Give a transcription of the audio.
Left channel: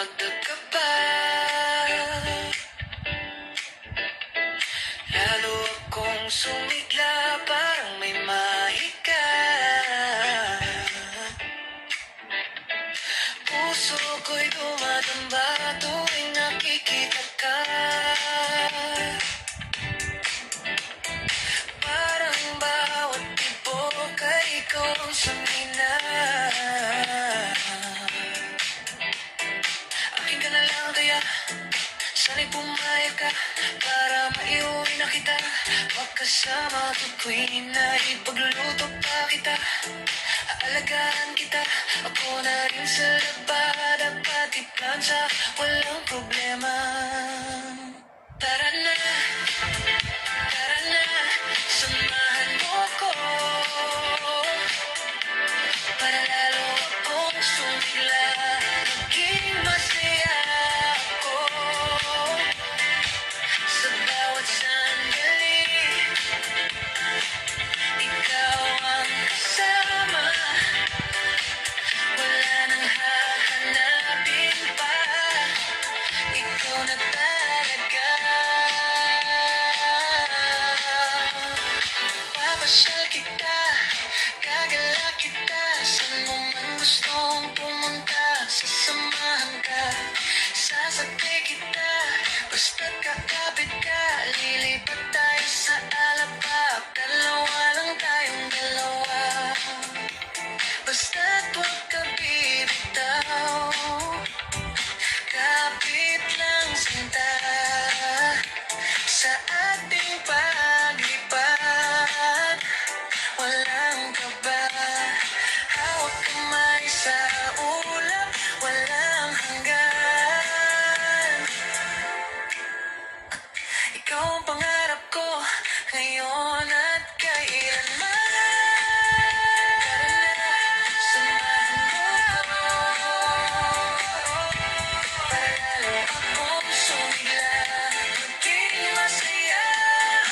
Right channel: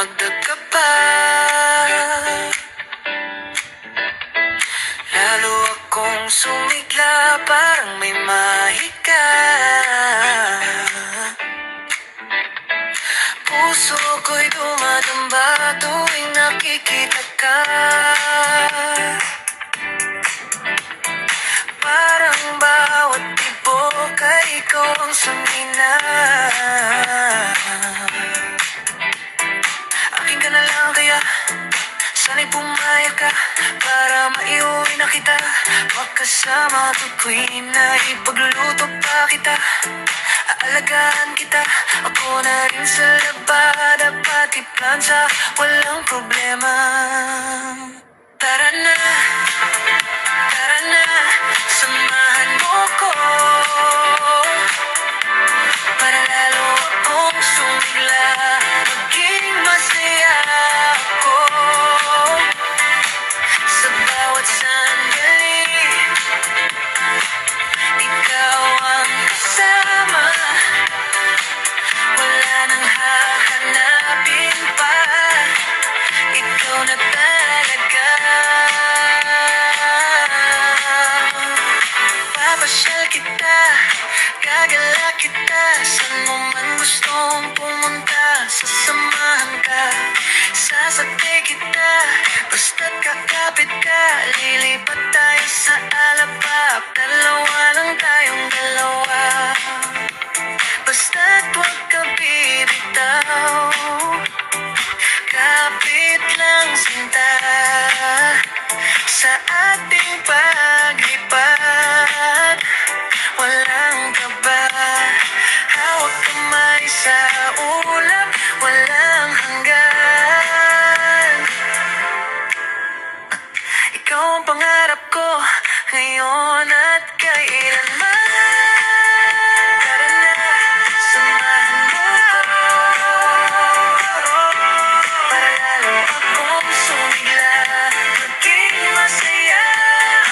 dumagdag ka pa. Lalo akong sumigla, parang may mahika. Puso ko'y dumadamba tuwing nakikita ka. Parang bawat tibok ay ikaw ang sumina. Akin ka na lang kaya sana'y pumayag ka para maiuwi na kita. Magkasama tukoy na ipagluluto pa kita. Aalagaan kita, ako na rin sa labada, pati plansa, walang problema. Tara na.